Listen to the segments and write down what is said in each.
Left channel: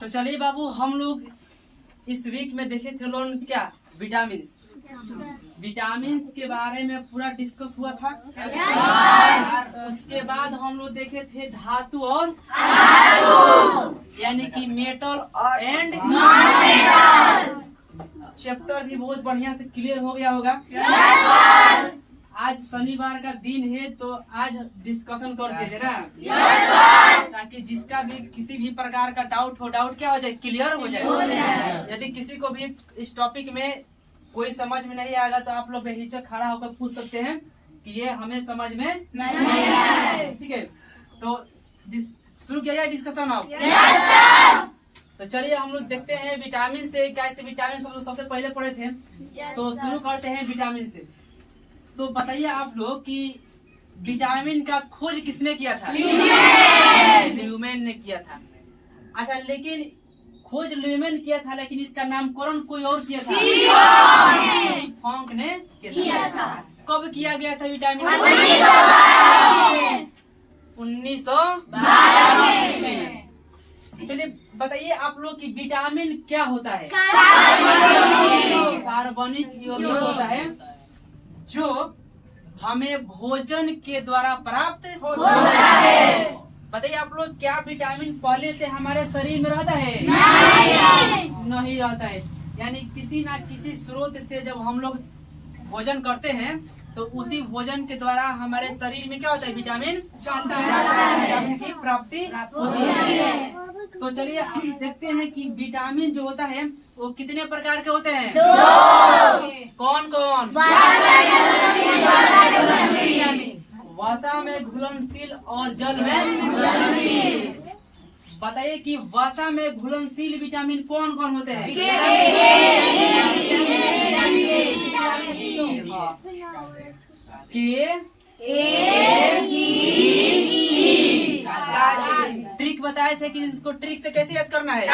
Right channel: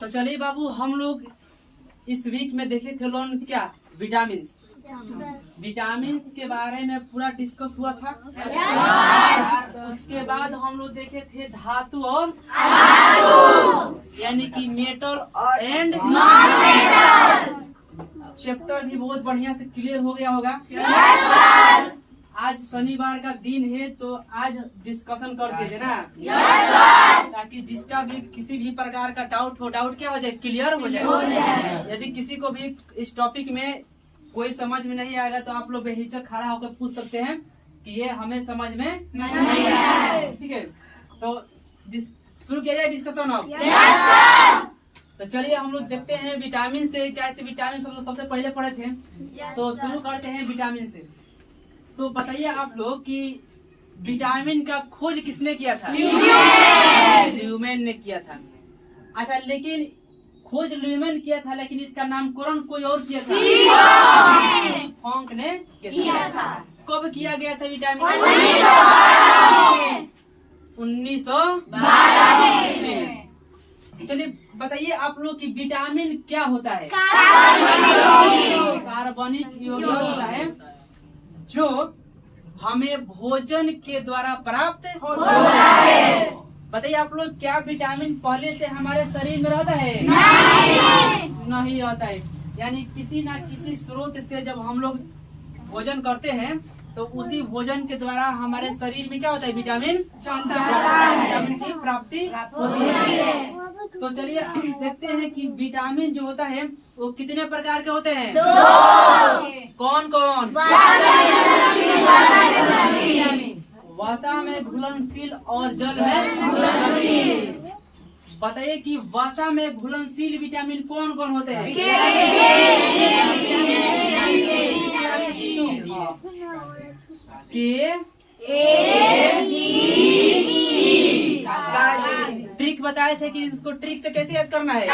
तो चलिए बाबू, हम लोग इस वीक में देखे थे लोग क्या विटामिन के बारे में पूरा डिस्कस हुआ था। उसके बाद हम लोग देखे थे धातु और यानी कि मेटल एंड चैप्टर भी बहुत बढ़िया से क्लियर हो गया होगा। आज शनिवार का दिन है तो आज डिस्कशन करते थे ना, ताकि जिसका भी किसी भी प्रकार का डाउट क्या हो जाए, क्लियर हो जाए। यदि किसी को भी इस टॉपिक में कोई समझ में नहीं आएगा तो आप लोग बेहिचक खड़ा होकर पूछ सकते हैं कि ये हमें समझ में नहीं आया। ठीक है, तो शुरू किया जाए डिस्कशन अब। तो चलिए हम लोग देखते हैं विटामिन से क्या, ऐसे विटामिन हम लोग सबसे पहले पढ़े थे। तो शुरू करते हैं विटामिन से। तो बताइए आप लोग कि विटामिन का खोज किसने किया था? ल्यूमेन ने किया था। अच्छा, लेकिन खोज ल्यूमेन किया था, लेकिन इसका नामकरण कोई और किया था, फॉन्क ने किया था। कब किया गया था विटामिन? 1912 में। चलिए बताइए आप लोग कि विटामिन क्या होता है? कार्बनिक यौगिक होता है जो हमें भोजन के द्वारा प्राप्त होता है। बताइए आप लोग, क्या विटामिन पहले से हमारे शरीर में रहता है? नहीं रहता है। यानी किसी न किसी स्रोत से जब हम लोग भोजन करते हैं तो उसी भोजन के द्वारा हमारे शरीर में क्या होता है? विटामिन की प्राप्ति होती है। तो चलिए देखते हैं कि विटामिन जो होता है वो कितने प्रकार के होते हैं? कौन कौन? वसा में घुलनशील और जल में घुलनशील। बताइए कि वसा में घुलनशील विटामिन कौन कौन होते हैं? ट्रिक बताए थे कि इसको ट्रिक से कैसे याद करना है?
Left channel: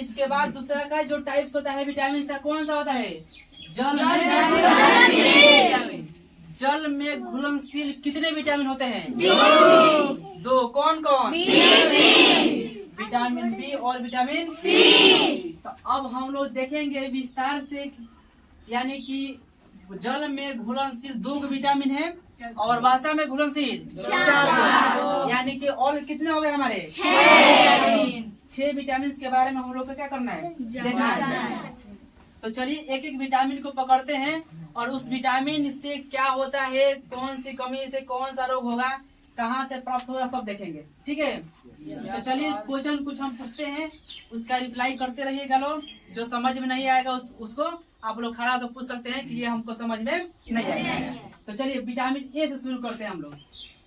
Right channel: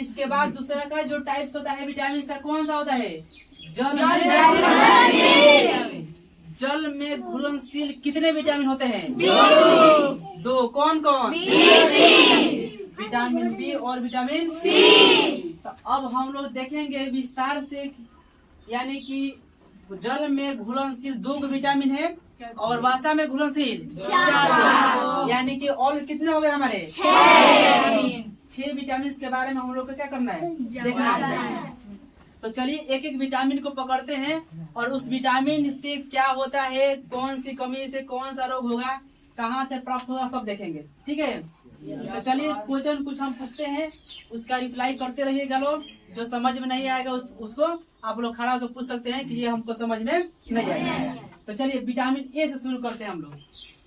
इसके बाद दूसरा का जो टाइप्स होता है विटामिन का, कौन सा होता है? जल में घुलनशील कितने विटामिन होते हैं? 2। कौन कौन? विटामिन बी और विटामिन सी। तो अब हम लोग देखेंगे विस्तार से, यानी कि जल में घुलनशील 2 विटामिन है और वसा में घुलनशील 4, यानी कि और कितने हो गए हमारे? 6 विटामिन के बारे में हम लोग को क्या करना है? देखना है। तो चलिए एक एक विटामिन को पकड़ते हैं और उस विटामिन से क्या होता है, कौन सी कमी से कौन सा रोग होगा, कहाँ से प्राप्त होगा, सब देखेंगे। ठीक है, तो चलिए क्वेश्चन कुछ हम पूछते हैं, उसका रिप्लाई करते रहिएगा लोग। जो समझ में नहीं आएगा उसको आप लोग खड़ा होकर पूछ सकते हैं कि ये हमको समझ में नहीं आएगा। तो चलिए विटामिन ए से शुरू करते हैं हम लोग।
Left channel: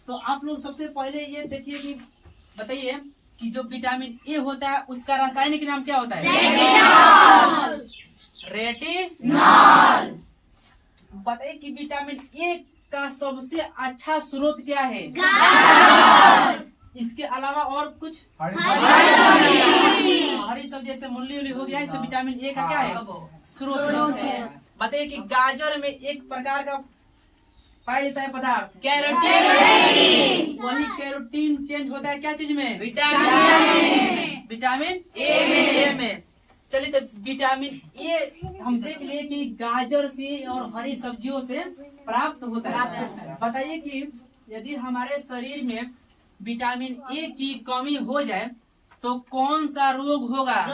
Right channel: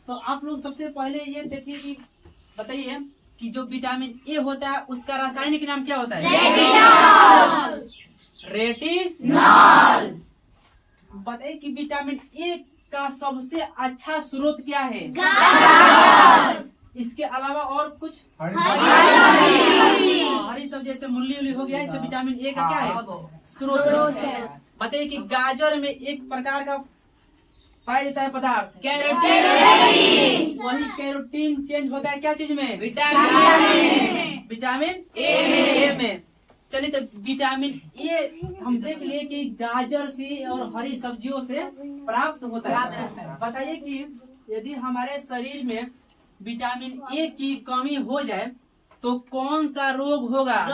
तो आप लोग सबसे पहले ये देखिए कि बताइए कि जो विटामिन ए होता है उसका रासायनिक नाम क्या होता है? रेटिनॉल। बताइए कि विटामिन ए का सबसे अच्छा स्रोत क्या है? इसके अलावा और कुछ? हरी सब्जी जैसे मूली उली हो गया, इससे विटामिन ए का क्या है? स्रोत है। बताइए कि गाजर में एक प्रकार का पाया जाता है पदार्थ, कैरोटीन। वही कैरोटीन चेंज होता है क्या चीज में? विटामिन ए में। चलिए तो विटामिन ए हम देख लिए कि गाजर से और हरी सब्जियों से प्राप्त होता है। बताइए कि यदि हमारे शरीर में विटामिन ए की कमी हो जाए तो कौन सा रोग होगा?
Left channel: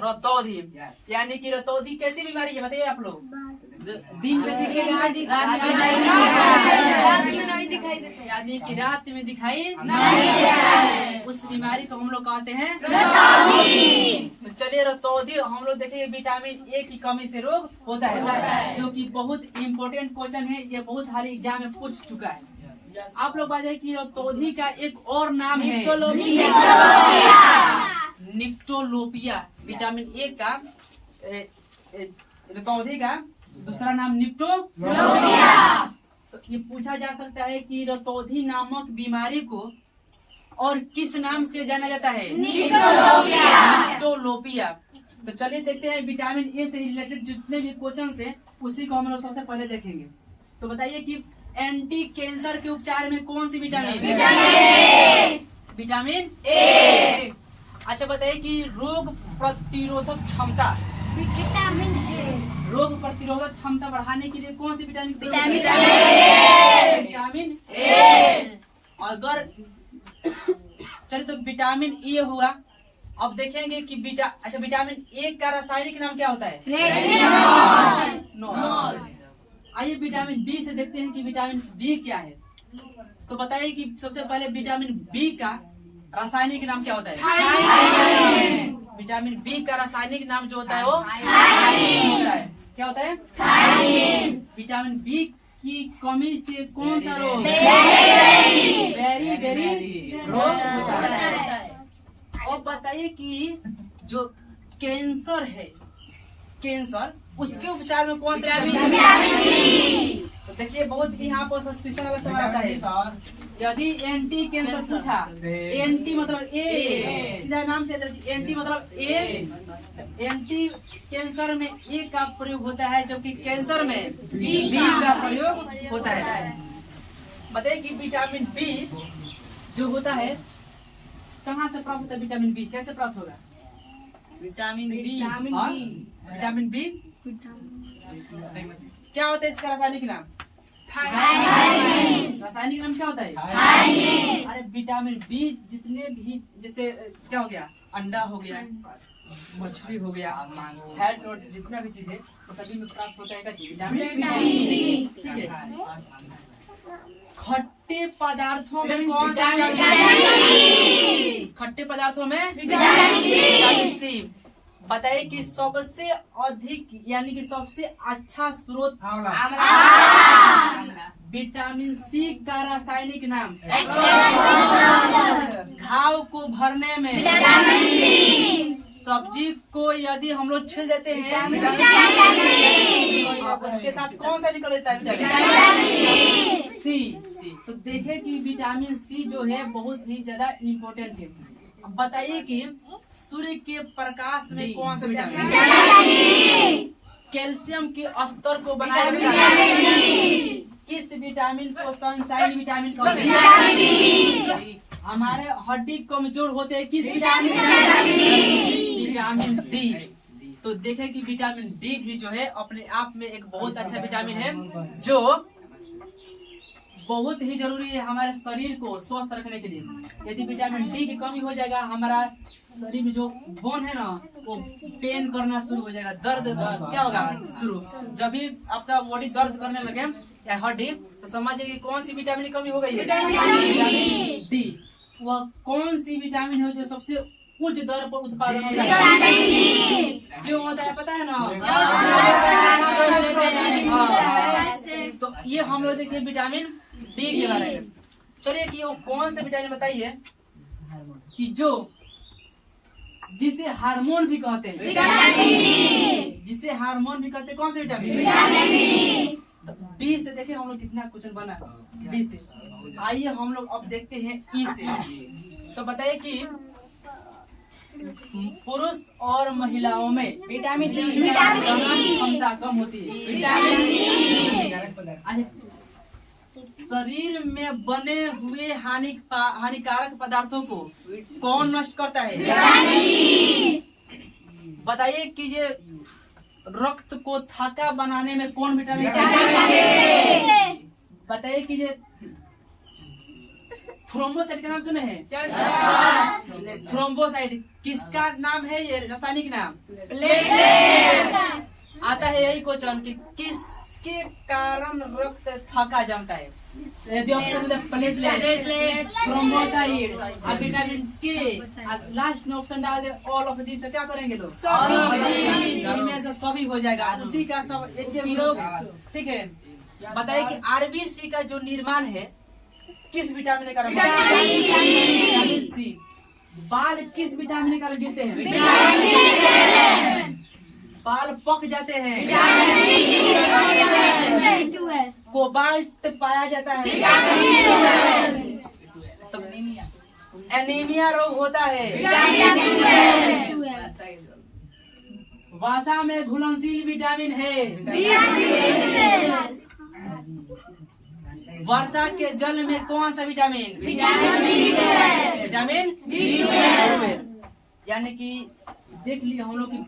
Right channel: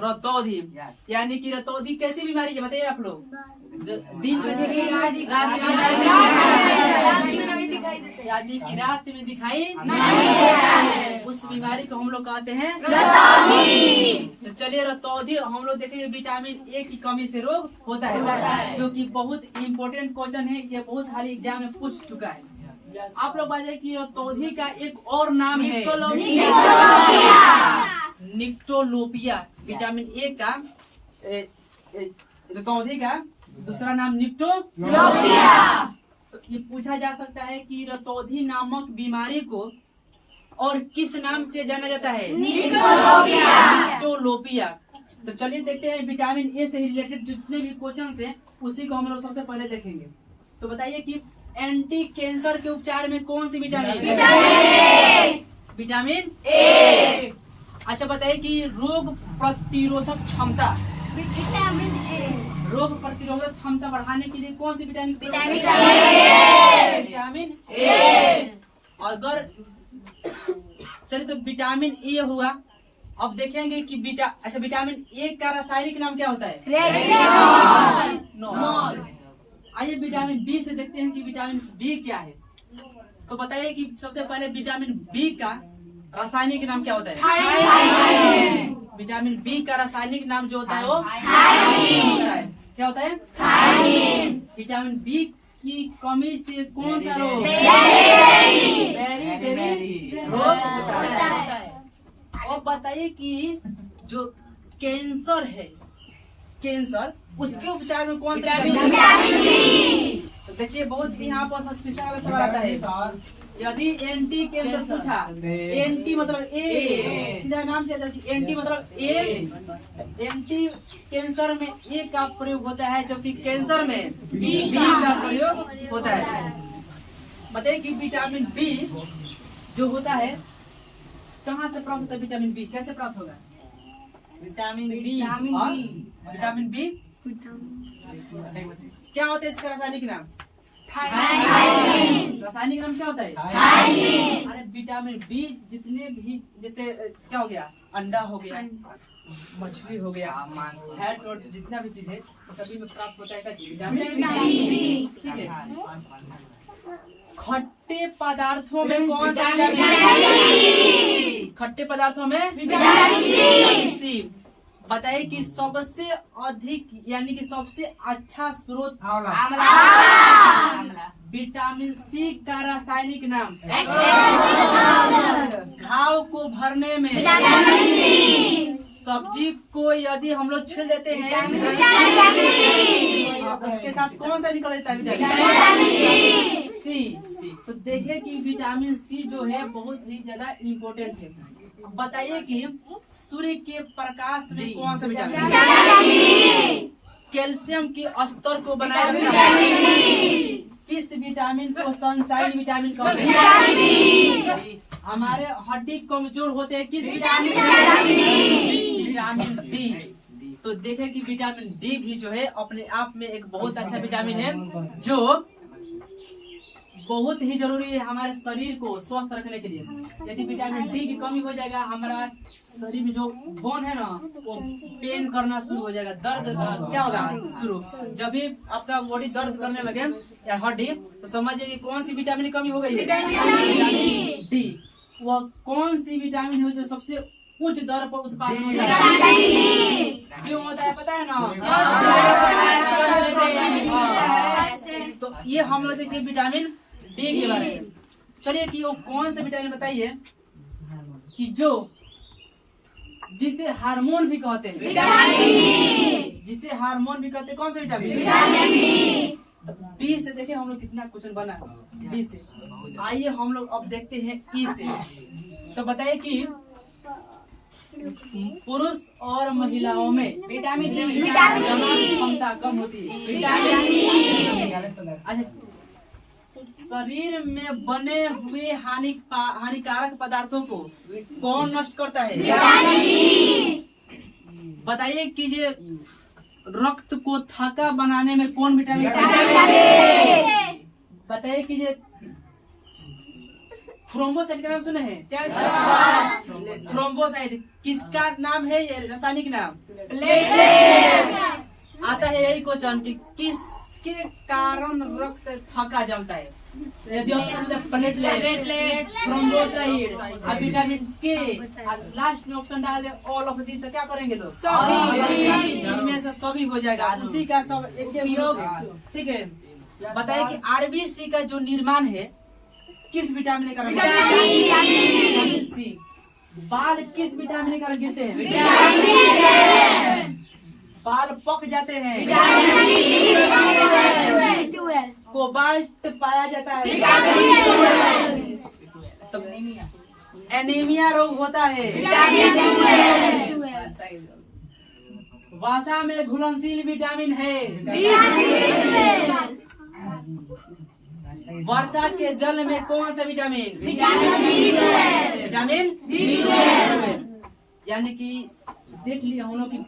रतौंधी। यानी कि रतौंधी कैसी बीमारी है बताइए आप लोग? दिन में यानी कि रात में दिखाई नहीं, उस बीमारी को हम लोग कहते हैं रतौंधी। तो चलिए रतौंधी हम लोग देखेंगे विटामिन ए की कमी से रोग होता है, जो कि बहुत इम्पोर्टेंट क्वेश्चन है। ये बहुत हाल एग्जाम में पूछ चुका है। आप लोग बताइए कि रतौंधी का एक और नाम है निक्टोलोपिया। विटामिन ए का रतौंधी का दूसरा नाम निक्टोलोपिया। तो ये पूछा जा सकता है कि रतौंधी नामक बीमारी को और किस नाम से जाना जाता है? निक्टोलोपिया। तो चलिए देखते हैं विटामिन ए से रिलेटेड जितने भी क्वेश्चन है उसी को हम लोग सबसे पहले देखेंगे। तो बताइए कि एंटी कैंसर के उपचार में कौन सी विटामिन? Vitamin A. अच्छा बताइए कि रोग प्रतिरोधक क्षमता, विटामिन ए। रोग प्रतिरोधक क्षमता बढ़ाने के लिए कौन सी विटामिन? Vitamin A. अगर चलिए तो विटामिन ए हुआ। अब देखेंगे कि विटामिन ए का रासायनिक नाम क्या होता है? रेटिनॉल। आइए विटामिन बी से देखते हैं कि विटामिन बी क्या है। तो बताइए कि सबसे पहले विटामिन बी का रासायनिक नाम क्या होता है? विटामिन बी का रासायनिक नाम जो होता है वो होता है, क्या होता है? विटामिन बी की कमी से कौन सा रोग? बेरी रोग होता है। और बताइए कि जो कैंसर है, कैंसर उसके उपचार में कौन सा विटामिन? तो देखिए बहुत यहाँ पर सस्पेंशन वाला सवाल आता है। यदि एंटी कैंसर पूछा, एंटी मतलब ए, सीधा नाम से एंटी मतलब ए। एंटी कैंसर में ए का प्रयोग होता है, जबकि कैंसर में बी का प्रयोग होता है। बताइए कि विटामिन बी जो होता है कहाँ से प्राप्त होता है? विटामिन बी कैसे प्राप्त होगा? विटामिन बी क्या होता है? इसका रासायनिक नाम रासायनिक नाम क्या होता है? अरे विटामिन बी जितने भी, जैसे क्या हो गया, अंडा हो गया, मछली हो गया, फैट और जितना भी चीज है तो सभी में प्राप्त होता है विटामिन बी। ठीक है। खट्टे पदार्थों में कौन सा विटामिन? खट्टे पदार्थों में विटामिन सी। बताइए कि सबसे अधिक यानी कि सबसे अच्छा स्रोत विटामिन सी का रासायनिक नाम? घाव को भरने में सब्जी को यदि हम लोग छील देते हैं उसके साथ कौन सा निकल जाता है? Vitamin C. तो देखिए कि विटामिन सी जो है बहुत ही ज्यादा इम्पोर्टेंट है। अब बताइए कि सूर्य के प्रकाश में कौन सा विटामिन कैल्शियम के स्तर को बनाए रखता है? किस विटामिन को सनशाइन विटामिन कहते हैं? हमारे हड्डी कमजोर होते हैं किस विटामिन? Vitamin D. तो देखें कि विटामिन डी भी जो है अपने आप में एक बहुत अच्छा विटामिन है, जो बहुत ही जरूरी है हमारे शरीर को स्वस्थ रखने के लिए। यदि विटामिन डी की कमी हो जाएगा, हमारा शरीर में जो बोन है ना वो पेन करना शुरू हो जाएगा, दर्द क्या होगा शुरू। जब भी आपका बॉडी दर्द करने लगे हड्डी, तो समझिए कि कौन सी विटामिन की कमी हो गई है? Vitamin D. वह कौन सी विटामिन है जो सबसे उच्च दर पर उत्पादन होता है? क्यों होता है पता है ना? तो ये हम लोग देखिए विटामिन डी के बारे में। चलिए कि वो कौन से विटामिन बताइए कि जो जिसे हार्मोन भी कहते हैं, जिसे हार्मोन भी कहते हैं, कौन से विटामिन? डी से देखिए हम लोग कितना क्वेश्चन बना डी से। आइए हम लोग अब देखते हैं ई से। तो बताइए कि पुरुष और महिलाओं में विटामिन डी क्षमता कम होती है। विटामिन डी शरीर में बने हुए हानिकारक पदार्थों को कौन नष्ट करता है? बताइए कि ये रक्त को थाका बनाने में कौन विटामिन? बताइए कि ये थ्रोम्बोसाइट का नाम सुने हैं? थ्रोम्बोसाइट किसका नाम है? ये रासायनिक नाम आता है। यही क्वेश्चन कि किसके कारण रक्त थका जमता है? यदि ऑप्शन प्लेटलेट, थ्रोम्बोसाइट, विटामिन के, लास्ट में ऑप्शन डाल दे ऑल ऑफ दिस, तो क्या करेंगे लोग? इनमें से सभी हो जाएगा, उसी का सब एक योग। ठीक है। बताइए कि आरबीसी का जो निर्माण है किस विटामिन के कारण? Vitamin C. बाल किस विटामिन के कारण गिरते हैं? बाल पक जाते हैं। कोबाल्ट पाया जाता है। तो एनीमिया रोग होता है। वसा में घुलनशील विटामिन है। वर्षा के जल में कौन सा विटामिन? विटामिन यानी कि देख लिए हम लोग की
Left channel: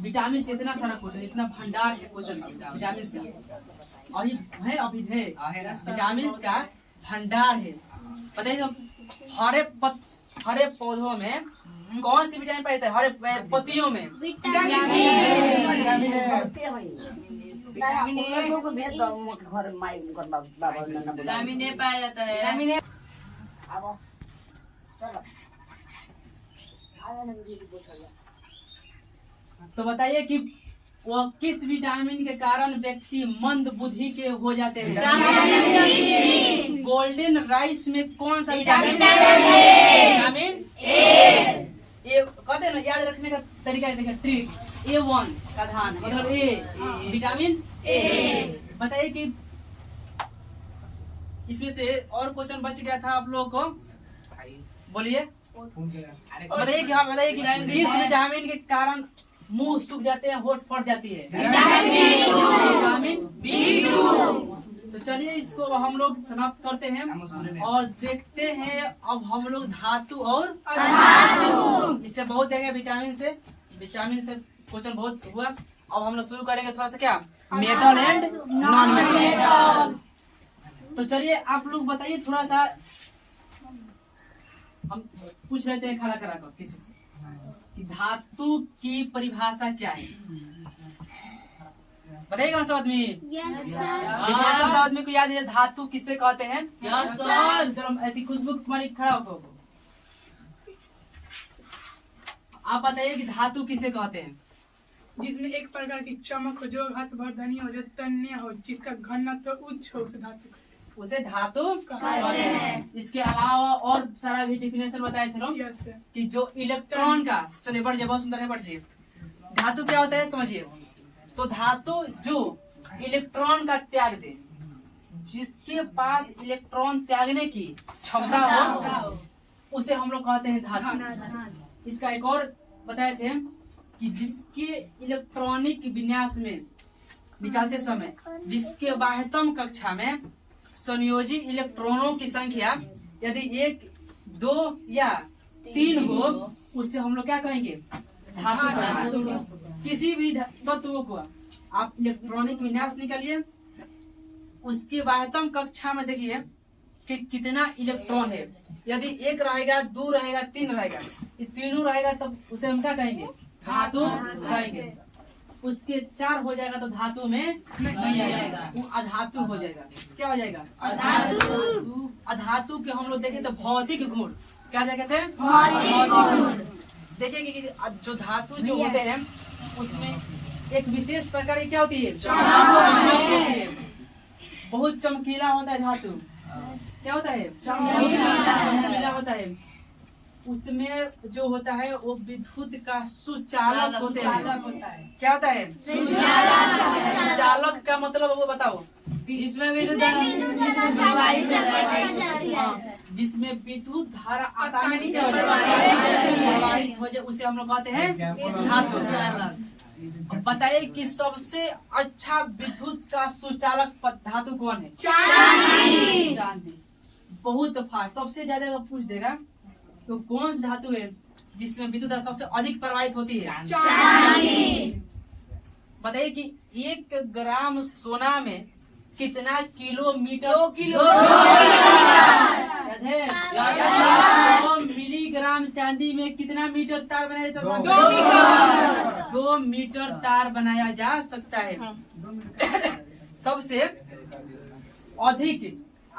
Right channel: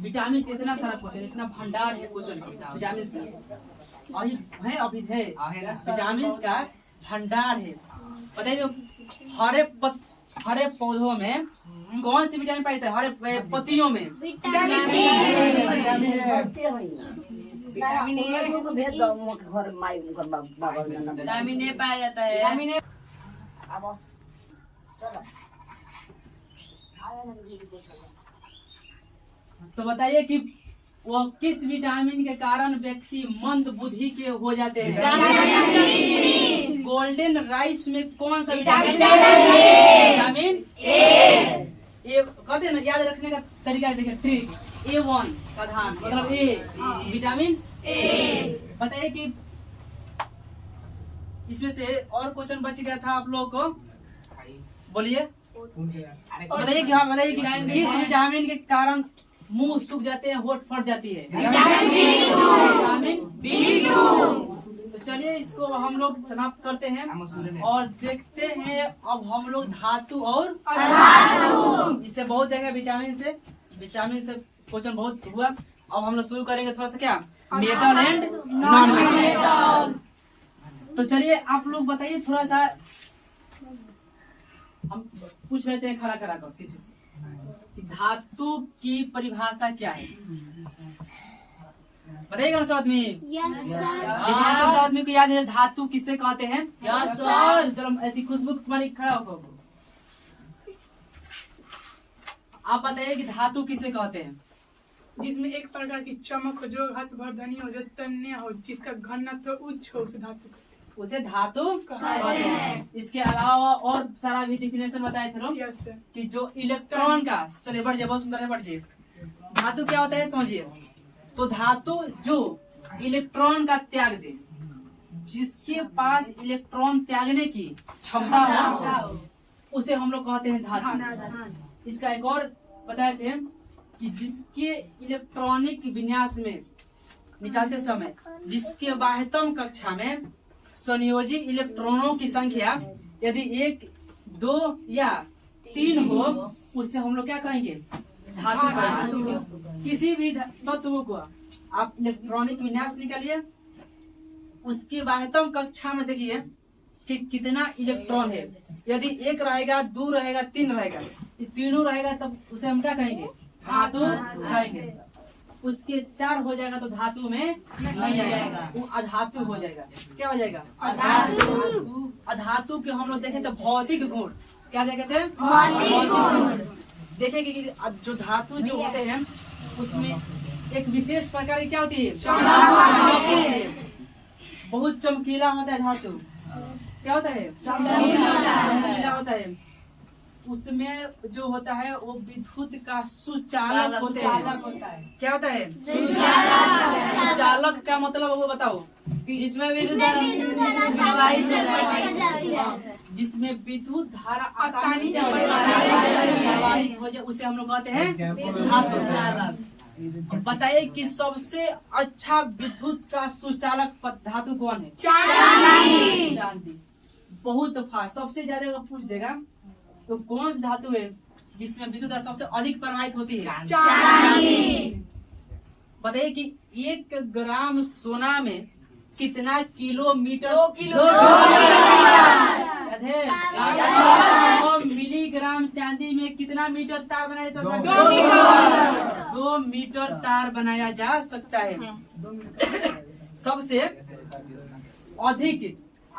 विटामिन से इतना सारा क्वेश्चन, इतना भंडार है क्वेश्चन विटामिन का, और ये है अभी है विटामिन का भंडार है। बताइए तो हरे पौधों में कौन सी विटामिन पाए थे? हरे पत्तियों में विटामिन ए पाया जाता है। तो बताइए कि वह किस विटामिन के कारण व्यक्ति मंद बुद्धि के हो जाते हैं? गोल्डन राइस में कौन सा विटामिन? Vitamin A. कहते हैं ना, याद रखने का तरीका है, देखिए ट्रिक A1 का धान मतलब ए विटामिन ए। बताइए कि इसमें से और क्वेश्चन बच गया था आप लोगों को, बोलिए बताइए कि हाँ बताइए कि किस विटामिन के कारण मुंह सूख जाते हैं, होठ फट जाती है? विटामिन बी2। तो चलिए इसको हम लोग समाप्त करते हैं और देखते हैं अब हम लोग धातु और अधातु। इससे बहुत देंगे विटामिन से क्वेश्चन बहुत हुआ। अब हम लोग शुरू करेंगे थोड़ा सा क्या मेटल एंड नॉन मेटल। तो चलिए आप लोग बताइए थोड़ा सा, हम पूछ लेते हैं खड़ा करा कर किसी से कि धातु की परिभाषा क्या है? बताइएगा सब आदमी। सब आदमी को याद है धातु किसे कहते हैं? चलो खुशबू तुम्हारी खड़ा हो, आप बताइए कि धातु किसे कहते हैं? जिसमें एक प्रकार की चमक हो, जो हथवर्धनी हो, जो तन्य हो, जिसका घनत्व उच्च हो, उसे धातु कहते हैं। उसे धातु कहते हैं। इसके अलावा और सारा भी डिफिनेशन बताए थे लोग कि जो इलेक्ट्रॉन का, चलिए बढ़ जाए, बहुत सुंदर है, बढ़ जाइए। धातु क्या होता है समझिए। तो धातु जो इलेक्ट्रॉन का त्याग दे, जिसके पास इलेक्ट्रॉन त्यागने की क्षमता हो, उसे हम लोग कहते हैं धातु। इसका एक और बताए थे कि जिसके इलेक्ट्रॉनिक विन्यास में निकालते समय जिसके बाह्यतम कक्षा में संयोजी इलेक्ट्रॉनों की संख्या यदि 1, 2 या 3 हो, उससे हम लोग क्या कहेंगे? धातु कहेंगे। किसी भी तत्व को आप इलेक्ट्रॉनिक विन्यास निकालिए, उसके बाह्यतम कक्षा में देखिए कि कितना इलेक्ट्रॉन है। यदि 1 रहेगा, 2 रहेगा, 3 रहेगा, ये तीनों रहेगा, तब उसे हम क्या कहेंगे? धातु कहेंगे। उसके 4 हो जाएगा तो धातु में नहीं आएगा, वो अधातु हो जाएगा। क्या हो जाएगा? अधातु। अधातु के हम लोग देखें तो भौतिक गुण, क्या देखे थे? भौतिक गुण। देखिए कि जो धातु जो होते हैं उसमें एक विशेष प्रकार की क्या होती है? बहुत चमकीला होता है धातु। क्या होता है? चमकीला होता है। उसमें जो होता है वो विद्युत का सुचालक होते हैं। क्या होता है? सुचालक का मतलब वो बताओ। जिसमें विद्युत धारा आसानी से प्रवाहित हो जाए, उसे हम लोग कहते हैं धातु। बताइए कि सबसे अच्छा विद्युत का सुचालक धातु कौन है? चांदी। बहुत फास्ट, सबसे ज्यादा अगर पूछ देगा तो कौन सी धातु है जिसमें विद्युत सबसे अधिक प्रवाहित होती है? चांदी। बताइए कि 1 ग्राम सोना में कितना किलोमीटर? 2 किलोमीटर। 2 मिलीग्राम चांदी में कितना मीटर तार बनाया जा सकता है? 2 मीटर तार बनाया जा सकता है। सबसे अधिक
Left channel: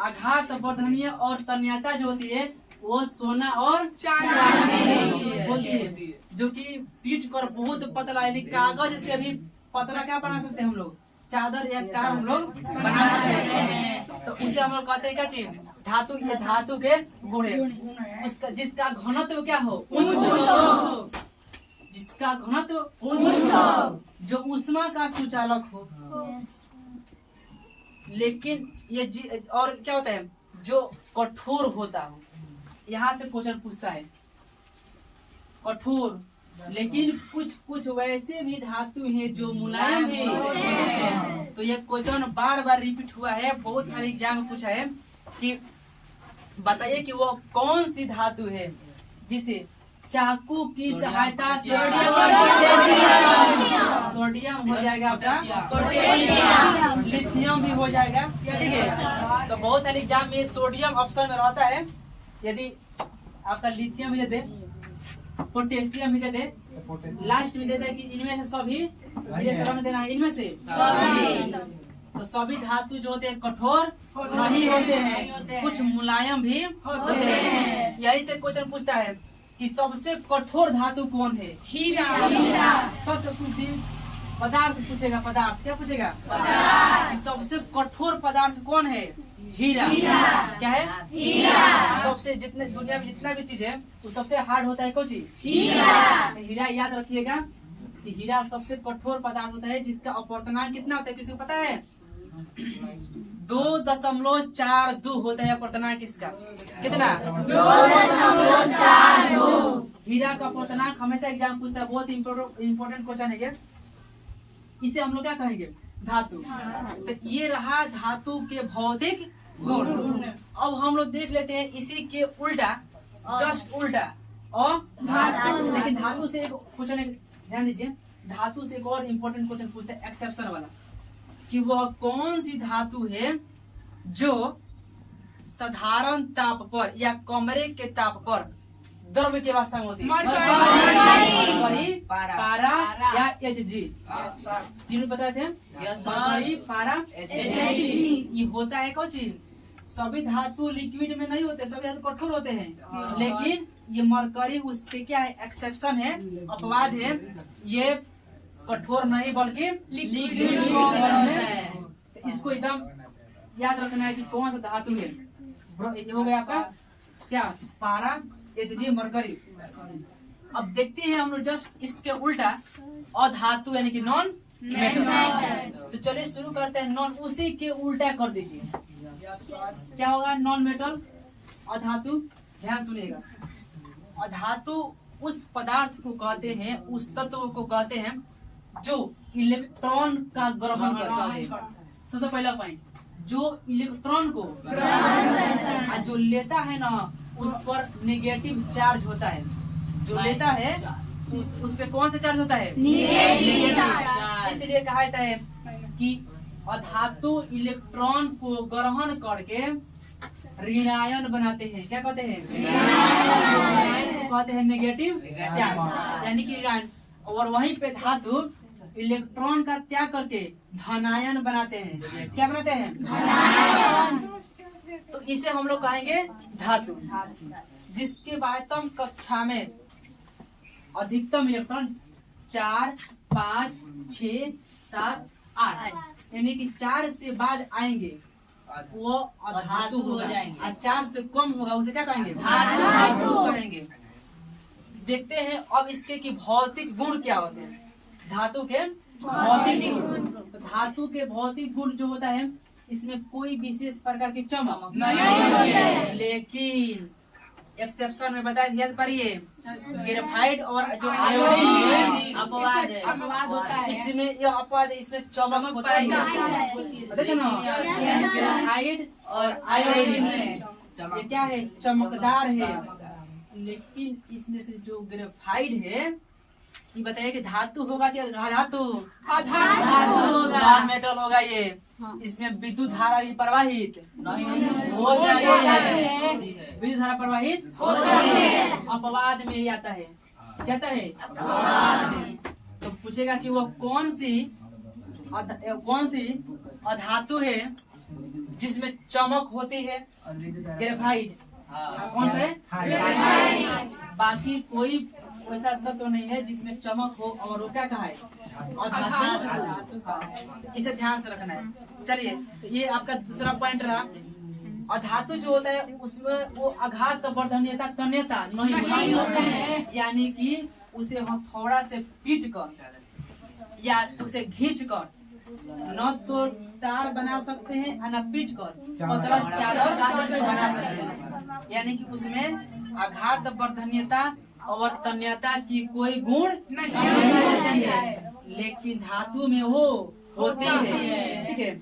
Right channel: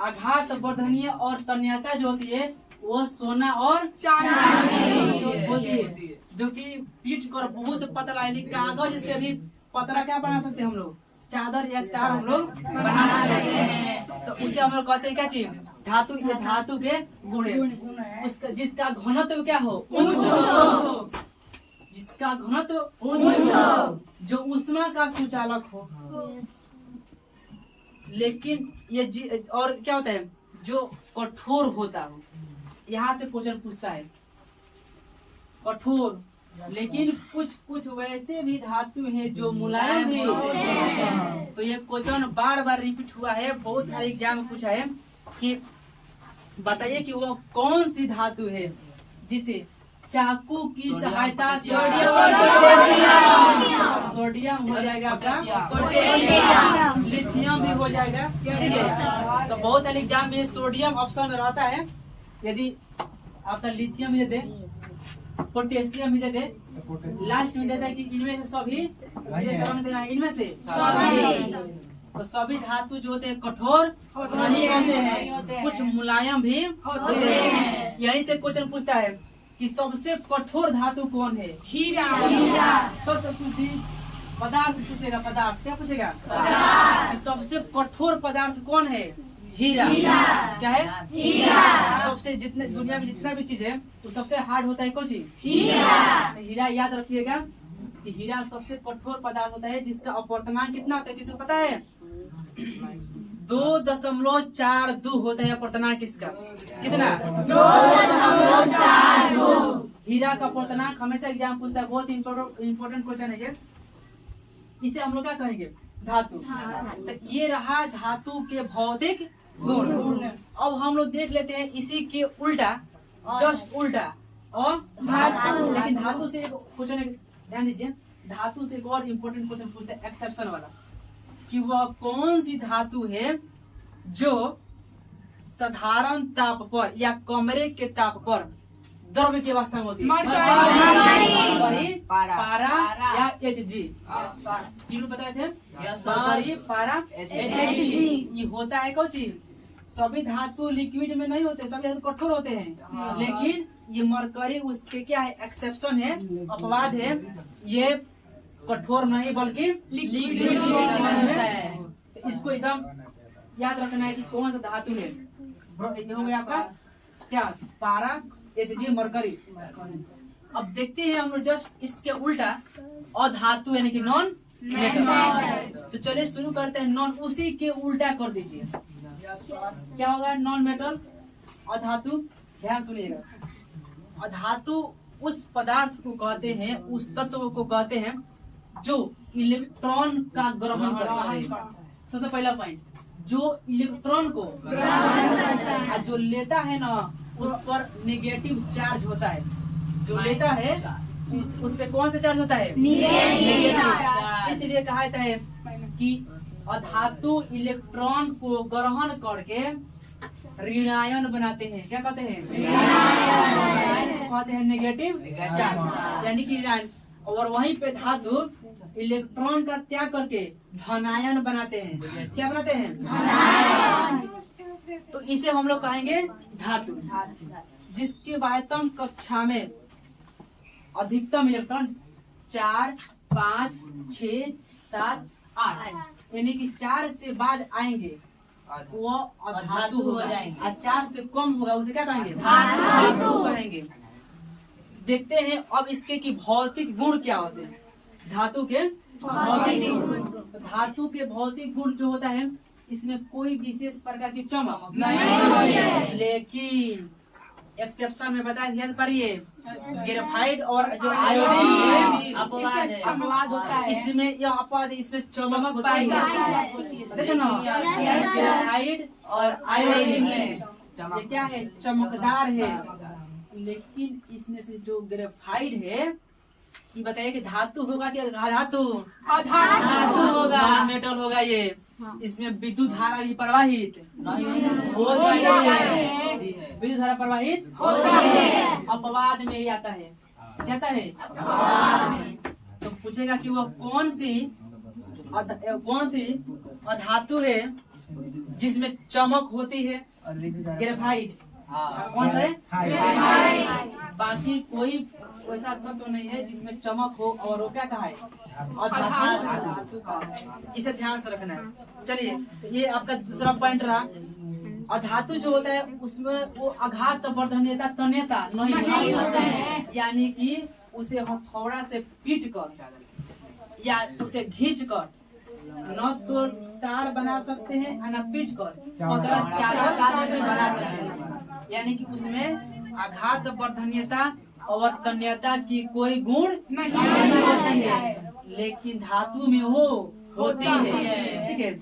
आघात वर्धनीय और तन्यता जो होती है वो सोना और चांदी होती है, जो कि पीट कर बहुत पतला है। कागज से भी पतला क्या बना सकते हैं हम लोग? चादर या कार हम लोग बना सकते हैं। तो उसे हम लोग कहते हैं क्या चीज? धातु। ये धातु के गुण है। उसका जिसका घनत्व क्या हो? उच्च। जिसका घनत्व उच्च, जो ऊष्मा का सुचालक हो। लेकिन ये और क्या होता है? जो कठोर होता हो। यहाँ से क्वेश्चन पूछता है, कठोर लेकिन कुछ कुछ वैसे भी धातु हैं जो मुलायम भी होते हैं। तो ये क्वेश्चन बार बार रिपीट हुआ है, बहुत सारे एग्जाम में पूछा है कि बताइए कि वो कौन सी धातु है जिसे चाकू की सहायता से सोडियम हो जाएगा आपका, लिथियम भी हो जाएगा। ठीक है, तो बहुत सारे एग्जाम में सोडियम ऑप्शन में रहता है। यदि आपका लिथियम भी दे दे, पोटेशियम भी दे दे, लास्ट में देता है कि इनमें से सभी देना है, इनमें से तो सभी धातु जो होते हैं कठोर नहीं होते हैं, कुछ मुलायम भी होते हैं। यही से क्वेश्चन पूछता है कि सबसे कठोर धातु कौन है? हीरा। तो कुछ दिन पदार्थ पूछेगा, पदार्थ क्या पूछेगा? कि सबसे कठोर पदार्थ कौन है? हीरा। क्या है? हीरा। सबसे जितने दुनिया में जितना भी चीज है वो सबसे हार्ड होता है कौन चीज? हीरा। याद रखिएगा कि हीरा सबसे कठोर पदार्थ होता है जिसका अपवर्तनांक कितना होता है, किसी को पता है? 2.42 होता है अपवर्तनांक इसका। कितना? 2.42। हीरा का अपवर्तनांक हमेशा एग्जाम पूछता है, बहुत इम्पोर्टेंट क्वेश्चन है ये। इसे हम लोग क्या कहेंगे? धातु। तो ये रहा धातु के भौतिक गुण। अब हम लोग देख लेते हैं इसी के उल्टा, जस्ट उल्टा। और लेकिन धातु से कुछ ध्यान दीजिए, धातु से एक और इम्पोर्टेंट क्वेश्चन पूछते हैं एक्सेप्शन वाला, कि वह कौन सी धातु है जो साधारण ताप पर या कमरे के ताप पर द्रव्य की अवस्था में होती है? मरकरी, पारा या Hg। तीनों बताए थे, मरकरी, पारा, Hg। ये होता है कौन चीज? सभी धातु लिक्विड में नहीं होते, सभी धातु कठोर होते हैं, लेकिन ये मरकरी उससे क्या है? एक्सेप्शन है, अपवाद है। ये कठोर नहीं बल्कि लिक्विड होता है। इसको एकदम याद रखना है कि कौन सा धातु है। ये हो गया आपका क्या? पारा, Hg, मरकरी। अब देखते हैं हम लोग जस्ट इसके उल्टा अधातु यानी कि नॉन मेटल। तो चलिए शुरू करते हैं। नॉन उसी के उल्टा कर दीजिए, क्या होगा? नॉन मेटल अधातु। ध्यान सुनिएगा, अधातु उस पदार्थ को कहते हैं, उस तत्व को कहते हैं जो इलेक्ट्रॉन का ग्रहण करता है। सबसे पहला पॉइंट, जो इलेक्ट्रॉन को ग्रहण जो लेता है ना, उस पर नेगेटिव चार्ज होता है। जो लेता है उस पे कौन सा चार्ज होता है? नेगेटिव। इसलिए कहा जाता है कि अधातु इलेक्ट्रॉन को ग्रहण करके ऋणायन बनाते हैं। क्या कहते हैं? कहते हैं नेगेटिव चार्ज, यानी कि ऋणायन। और वहीं पे धातु इलेक्ट्रॉन का त्याग करके धनायन बनाते हैं। क्या बनाते हैं? धनायन। तो इसे हम लोग कहेंगे धातु, जिसकी वायतम कक्षा में अधिकतम इलेक्ट्रॉन 4, 5, 6, 7, 8 यानी कि 4 से बाद आएंगे वो अधातु हो जाएंगे, और 4 से कम होगा उसे क्या कहेंगे? धातु कहेंगे। देखते हैं अब इसके की भौतिक गुण क्या होते हैं। धातु के भौतिक गुण, तो धातु के भौतिक गुण जो होता है, इसमें कोई विशेष प्रकार की चमक नहीं, लेकिन एक्सेप्शन में बताया, याद करिए, ग्रेफाइट और जो आयोडीन अपवाद है, इसमें यह अपवाद है, इसमें चमक होता है। बताइए ना, ग्रेफाइट और आयोडीन में ये क्या है? चमकदार है। लेकिन इसमें से जो ग्रेफाइट है, ये बताइए कि धातु होगा क्या? धातु होगा, मेटल होगा। ये इसमें विद्युत धारा भी प्रवाहित होता है, विद्युत धारा प्रवाहित होता है। अपवाद में ही आता है, कहता है अपवाद में। तो पूछेगा कि वह कौन सी अधातु है जिसमें चमक होती है? ग्रेफाइट। कौन सा है? बाकी कोई वैसा तत्व तो नहीं है जिसमें चमक हो, और वो क्या कहा है? अधातु का। इसे ध्यान से रखना है। चलिए, तो ये आपका दूसरा पॉइंट रहा। अधातु जो होता है उसमें वो आघात वर्धनीयता तन्यता नहीं होता है, यानी कि उसे हथौड़ा से पीट कर या उसे खींच कर न तो तार बना सकते हैं और न पीट कर चादर बना सकते हैं। यानी कि उसमें आघात वर्धनीयता अवर्तनीयता की कोई गुण नहीं नहीं होती है, लेकिन धातु में वो होती है। ठीक है,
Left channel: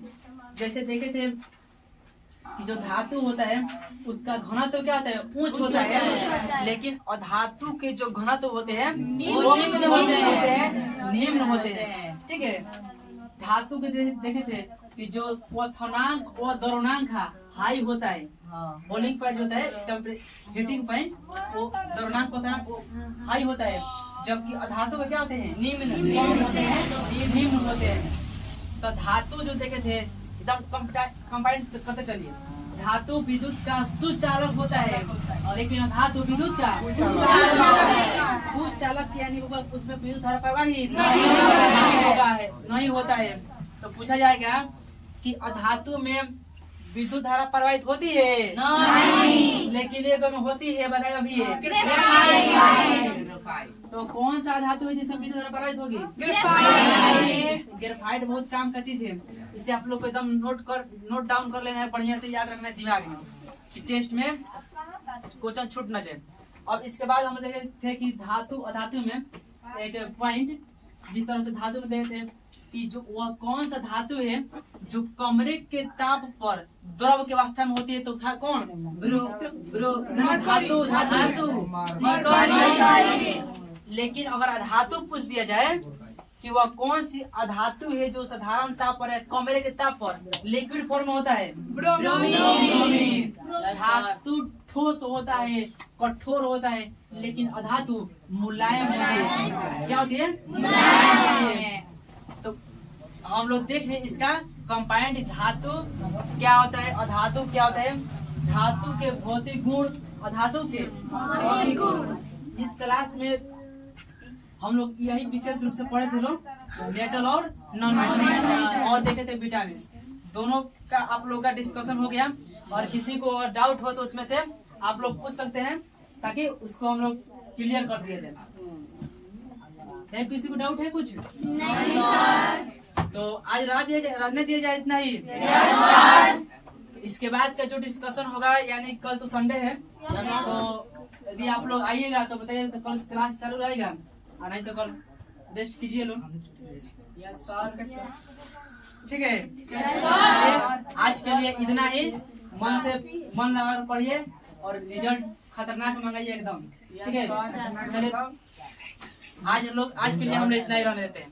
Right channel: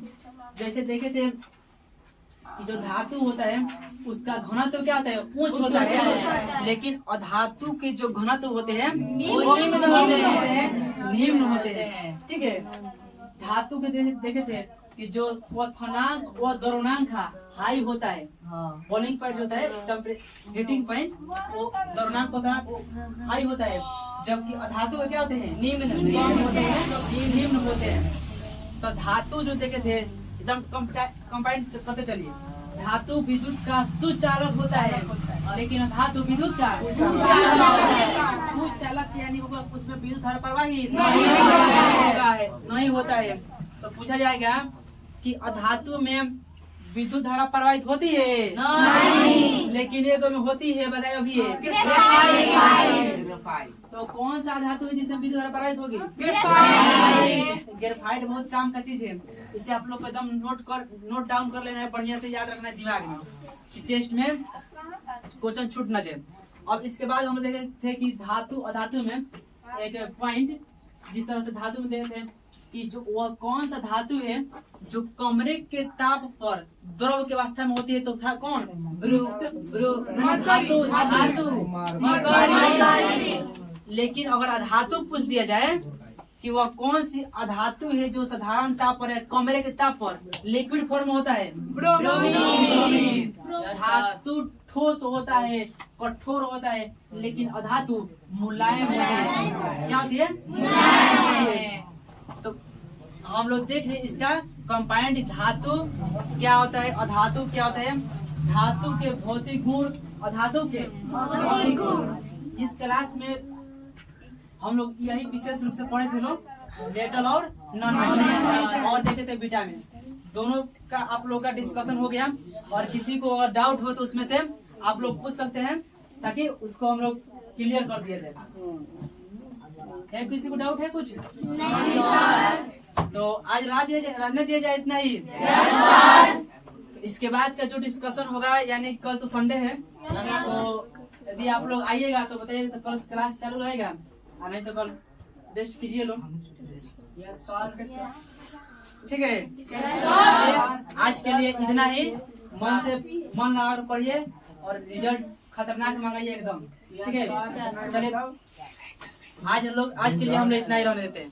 जैसे देखे थे कि जो धातु होता है उसका घनत्व क्या होता है, उच्च होता है, लेकिन अधातु के जो घनत्व होते हैं वो निम्न होते हैं। ठीक है, धातु के देखे थे कि जो क्वथनांक व द्रवणांक हाई होता है, बॉइलिंग पॉइंट होता है, हीटिंग पॉइंट वो द्रवणांक हाई होता है, जबकि अधातु के क्या होते हैं, निम्न होते हैं। तो धातु जो देखे थे एकदम कंबाइंड करते चलिए, धातु विद्युत का सुचालक होता है, लेकिन धातु विद्युत का सुचालक यानी उसमें विद्युत धारा प्रवाहित नहीं होता है। तो पूछा जाएगा कि अधातु में विद्युत धारा प्रवाहित होती है नहीं, लेकिन एक में होती है, बताइए अभी ग्रेफाइट। तो कौन सा धातु है जिसमें विद्युत धारा प्रवाहित होगी, ग्रेफाइट। बहुत काम का चीज है, इसे आप लोग को एकदम नोट डाउन कर लेना है, बढ़िया से याद रखना है दिमाग में, टेस्ट में क्वेश्चन छूट न जाए। अब इसके बाद हम देखे थे कि धातु अधातु में एक पॉइंट, जिस तरह से धातु में देखे थे कि जो वह कौन सा धातु है जो कमरे के ताप पर द्रव के अवस्था में होती है, तो था कौन, धातु। लेकिन अगर अधातु पूछ दिया जाए कि वह कौन सी अधातु है जो साधारण ताप पर है, कमरे के ताप पर लिक्विड फॉर्म होता है, धातु ठोस होता है, कठोर होता है, लेकिन अधातु मुलायम होती है। क्या होती है, मुलायम होती है। तो हम लोग देख रहे इसका कंपाउंड धातु क्या होता है, अधातु क्या होता है, धातु के भौतिक गुण, अधातु के भौतिक गुण। इस क्लास में हम लोग यही विशेष रूप से पढ़े थे लोग, मेटल और नॉन मेटल, और देखे थे विटामिन। दोनों का आप लोग का डिस्कशन हो गया, और किसी को अगर डाउट हो तो उसमें से आप लोग पूछ सकते हैं, ताकि उसको हम लोग क्लियर कर दिया जाए। है किसी को डाउट है कुछ? नहीं सर। तो आज रहने दिया जाए इतना ही। इसके बाद का जो डिस्कशन होगा, यानी कल तो संडे है, तो यदि आप लोग आइएगा तो बताइए, तो कल क्लास चालू रहेगा, और नहीं तो कल रेस्ट कीजिए लोग। यस सर, ठीक है। आज के लिए इतना ही, मन लगा पढ़िए और रिजल्ट खतरनाक मंगाइए एकदम, ठीक है। चलिए आज के लिए हम लोग इतना ही रहने देते हैं।